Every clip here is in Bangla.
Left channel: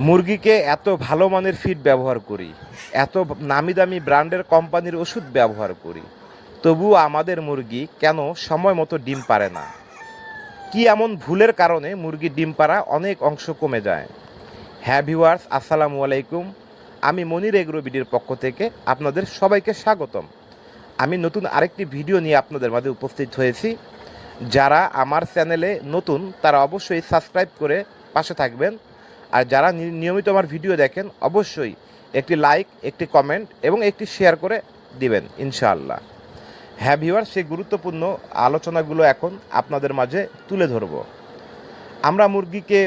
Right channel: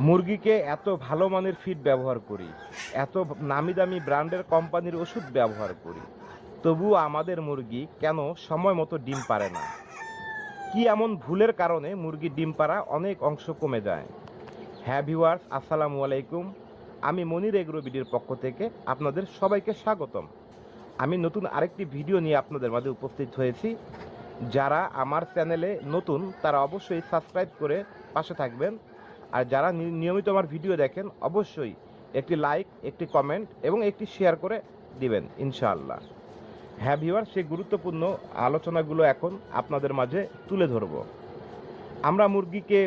মুরগিকে এত ভালো মানের ফিড ব্যবহার করি, এত নামি দামি ব্র্যান্ডের কোম্পানির ওষুধ ব্যবহার করি, তবুও আমাদের মুরগি কেন সময় মতো ডিম পারে না? কি এমন ভুলের কারণে মুরগির ডিম পাড়া অনেক অংশ কমে যায়? হ্যাঁ ভিউয়ার্স, আসসালামু আলাইকুম। আমি মনির এগ্রোবিডির পক্ষ থেকে আপনাদের সবাইকে স্বাগতম। আমি নতুন আরেকটি ভিডিও নিয়ে আপনাদের মাঝে উপস্থিত হয়েছি। যারা আমার চ্যানেলে নতুন, তারা অবশ্যই সাবস্ক্রাইব করে পাশে থাকবেন। আর যারা নিয়মিত আমার ভিডিও দেখেন, অবশ্যই একটি লাইক, একটি কমেন্ট এবং একটি শেয়ার করে দিবেন, ইনশাআল্লাহ। হ্যাঁ ভিউয়ার সেই গুরুত্বপূর্ণ আলোচনাগুলো এখন আপনাদের মাঝে তুলে ধরব। আমরা মুরগিকে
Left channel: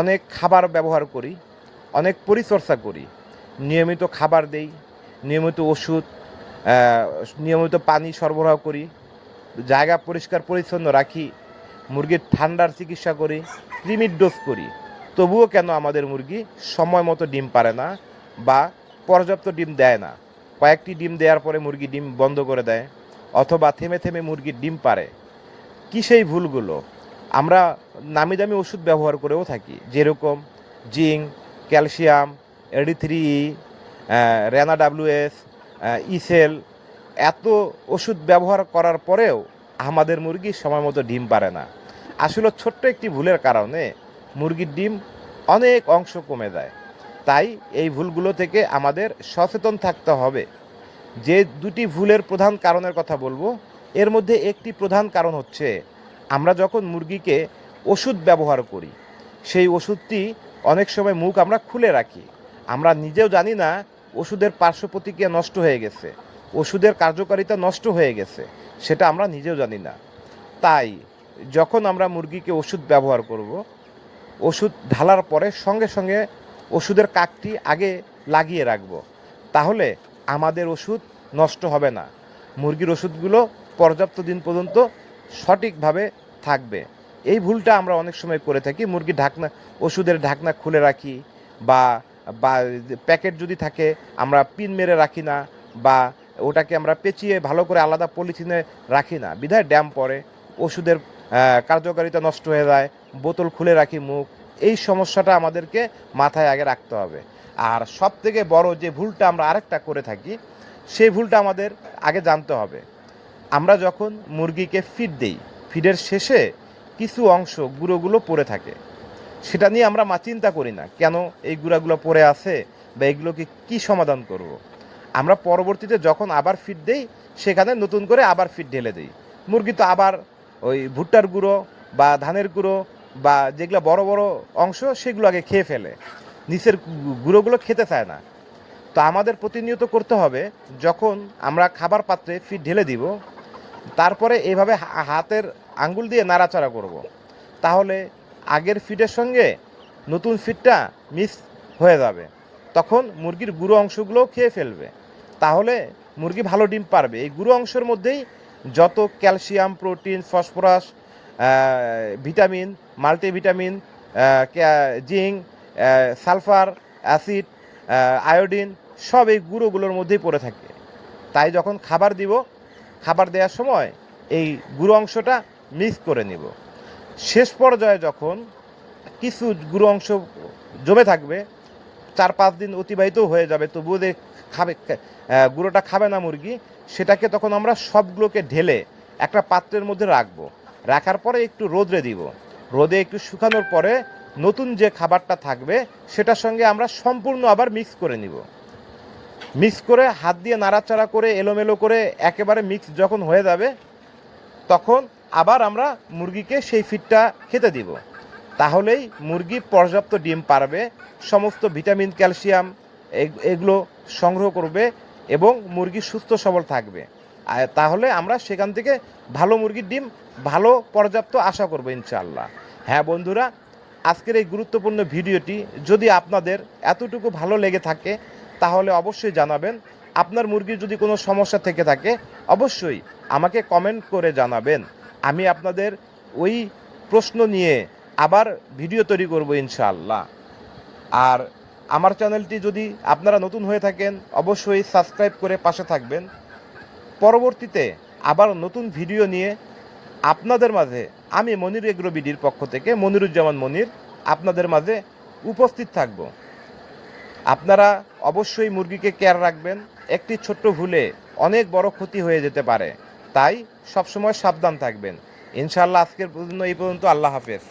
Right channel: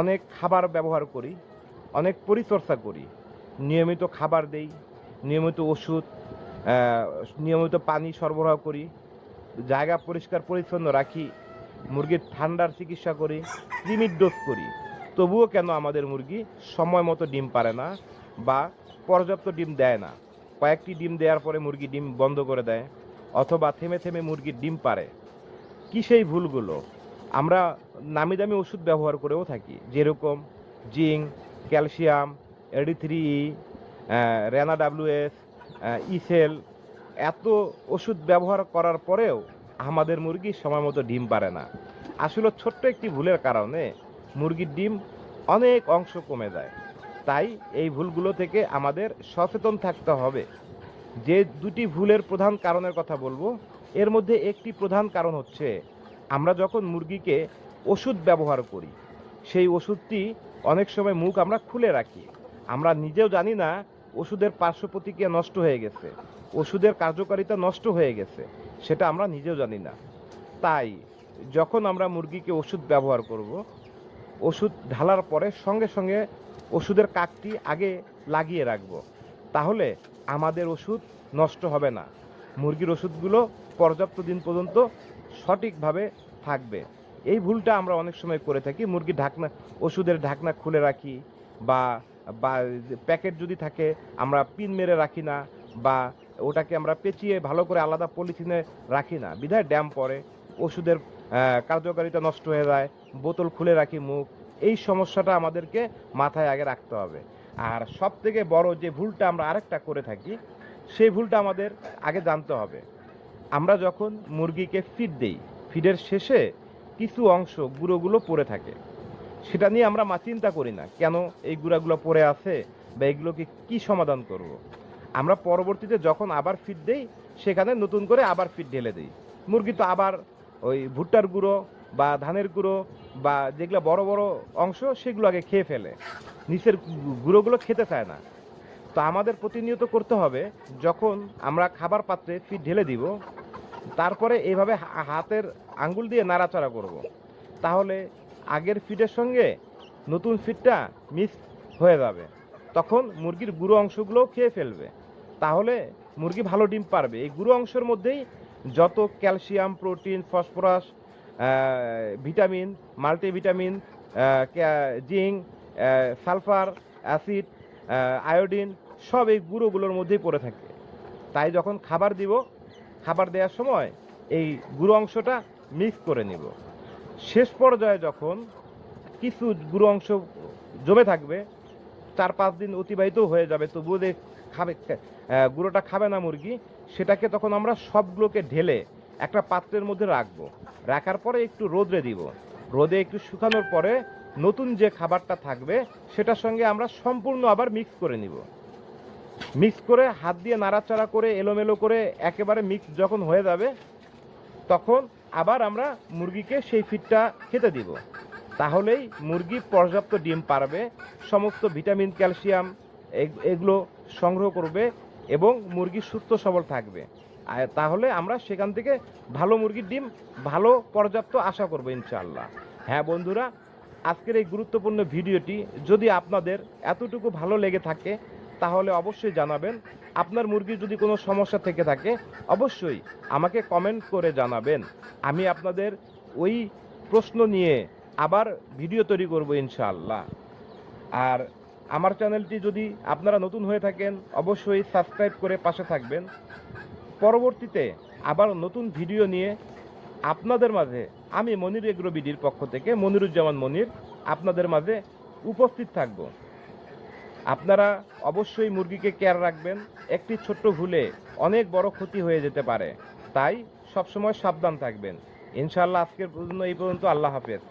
অনেক খাবার ব্যবহার করি, অনেক পরিচর্যা করি। নিয়মিত খাবার দেই, নিয়মিত ওষুধ নিয়মিত পানি সরবরাহ করি, জায়গা পরিষ্কার পরিচ্ছন্ন রাখি, মুরগির ঠান্ডার চিকিৎসা করি, ক্রিমির ডোজ করি। তবুও কেন আমাদের মুরগি সময় মতো ডিম পারে না বা পর্যাপ্ত ডিম দেয় না? কয়েকটি ডিম দেওয়ার পরে মুরগি ডিম বন্ধ করে দেয় অথবা থেমে থেমে মুরগির ডিম পারে। কি সেই ভুলগুলো? আমরা নামি দামি ওষুধ ব্যবহার করেও থাকি, যেরকম জিঙ্ক, ক্যালসিয়াম এডি থ্রি রেনা ডাব্লিউএস ইসেল। এত ওষুধ ব্যবহার করার পরেও আমাদের মুরগি সময় মতো ডিম পারে না। আসলে ছোট্ট একটি ভুলের কারণে মুরগির ডিম অনেক অংশ কমে যায়। তাই এই ভুলগুলো থেকে আমাদের সচেতন থাকতে হবে। যে দুটি ভুলের প্রধান কারণের কথা বলব, এর মধ্যে একটি প্রধান কারণ হচ্ছে, আমরা যখন মুরগিকে ওষুধ ব্যবহার করি, সেই ওষুধটি অনেক সময় মুখ আমরা খুলে রাখি। আমরা নিজেও জানি না ওষুধের পার্শ্ব প্রতিক্রিয়া নষ্ট হয়ে গেছে, ওষুধের কার্যকারিতা নষ্ট হয়ে গেছে, সেটা আমরা নিজেও জানি না। তাই যখন আমরা মুরগিকে ওষুধ ব্যবহার করব ওষুধ ঢালার পরে সঙ্গে সঙ্গে ওষুধের কাকটি আগে লাগিয়ে রাখব। তাহলে আমাদের ওষুধ নষ্ট হবে না। মুরগির ওষুধগুলো পর্যাপ্ত দিন পর্যন্ত সঠিকভাবে থাকবে। এই ভুলটা আমরা অনেক সময় করে থাকি। মুরগির ঢাকনা, ওষুধের ঢাকনা খুলে রাখি বা বা প্যাকেট যদি থাকে, আমরা পিন মেরে রাখি না বা ওটাকে আমরা পেঁচিয়ে ভালো করে আলাদা পলিথিনে রাখি না। বিধায় ড্যাম পড়ে ওষুধের কার্যকারিতা নষ্ট হয়ে যায়, বোতল খুলে রাখি মুখ, এই সমস্যাটা আমাদেরকে মাথায় আগে রাখতে হবে। আর সব থেকে বড় যে ভুলটা আমরা আরেকটা করে থাকি, সেই ভুলটা আমাদের আগে জানতে হবে। আমরা যখন মুরগিকে ফিড দেই ফিডের শেষে কিছু অংশ গুঁড়োগুলো পড়ে থাকে। সেটা নিয়ে আমরা মা চিন্তা করি না, কেন এই গুঁড়াগুলো পড়ে আছে বা এগুলোকে কি সমাধান করব। আমরা পরবর্তীতে যখন আবার ফিড দেই, সেখানে নতুন করে আবার ফিড ঢেলে দিই। মুরগি তো আবার ওই ভুট্টার গুঁড়ো বা ধানের গুঁড়ো বা যেগুলো বড় বড় অংশ, সেগুলো আগে খেয়ে ফেলে। নিচের গুঁড়োগুলো খেতে চায় না। তো আমাদের প্রতিনিয়ত করতে হবে, যখন আমরা খাবার পাত্রে ফিড ঢেলে দিব, তারপরে এইভাবে হাতের আঙ্গুল দিয়ে নাড়াচাড়া করব। তাহলে আগের ফিডের সঙ্গে নতুন ফিডটা মিক্স হয়ে যাবে। তখন মুরগির গুঁড়ো অংশগুলোও খেয়ে ফেলবে। তাহলে মুরগি ভালো ডিম পারবে। এই গুঁড়ো অংশের মধ্যেই যত calcium, protein, phosphorus vitamin, multivitamin zinc sulphur, acid iodine, সব এই গুঁড়োগুলোর মধ্যেই পড়ে থাকে। তাই যখন খাবার দিব, খাবার দেওয়ার সময় এই গুঁড়ো অংশটা মিক্স করে নিব। শেষ পর্যায়ে যখন কিছু গুঁড়ো অংশ জমে থাকবে চার পাঁচ দিন অতিবাহিত হয়ে যাবে। তবুও যে খাবে গুঁড়োটা খাবে না মুরগি, সেটাকে তখন আমরা সবগুলোকে ঢেলে একটা পাত্রের মধ্যে রাখব। রাখার পরে একটু রোদরে দিব। রোদে একটু শুকানোর পরে নতুন যে খাবারটা থাকবে, সেটার সঙ্গে আমরা সম্পূর্ণ আবার মিক্স করে নিব। মিক্স করে হাত দিয়ে নাড়াচাড়া করে, এলোমেলো করে একেবারে মিক্স যখন হয়ে যাবে, তখন আবার আমরা মুরগিকে সেই ফিডটা খেতে দিব। তাহলেই মুরগি পর্যাপ্ত ডিম পারবে, সমস্ত ভিটামিন, ক্যালসিয়াম, এগ- এগুলো সংগ্রহ করবে এবং মুরগি সুস্থ সবল থাকবে। তাহলে আমরা সেখান থেকে ভালো মুরগির ডিম, ভালো পর্যাপ্ত আশা করব ইনশাআল্লাহ। হ্যাঁ বন্ধুরা, আজকের এই গুরুত্বপূর্ণ ভিডিওটি যদি আপনাদের এতটুকু ভালো লেগে থাকে, তাহলে অবশ্যই জানাবেন। আপনার মুরগির যদি কোনো সমস্যা থেকে থাকে, অবশ্যই আমাকে কমেন্ট করে জানাবেন। আমি আপনাদের ওই প্রশ্ন নিয়ে আবার ভিডিও তৈরি করব ইনশাআল্লাহ। আর আমার চ্যানেলটি যদি আপনারা নতুন হয়ে থাকেন, অবশ্যই সাবস্ক্রাইব করে পাশে থাকবেন। পরবর্তীতে আবার নতুন ভিডিও নিয়ে আপনাদের মাঝে আমি মনির এগ্রোবিডির পক্ষ থেকে মনিরুজ্জামান মনির আপনাদের মাঝে উপস্থিত থাকব। আপনারা অবশ্যই মুরগিকে কেয়ার রাখবেন। একটি ছোট্ট ভুলে অনেক বড় ক্ষতি হয়ে যেতে পারে। তাই সবসময় সাবধান থাকবেন। ইনশাআল্লাহ আজকের পর্যন্ত, এই পর্যন্ত আল্লাহ হাফেজ।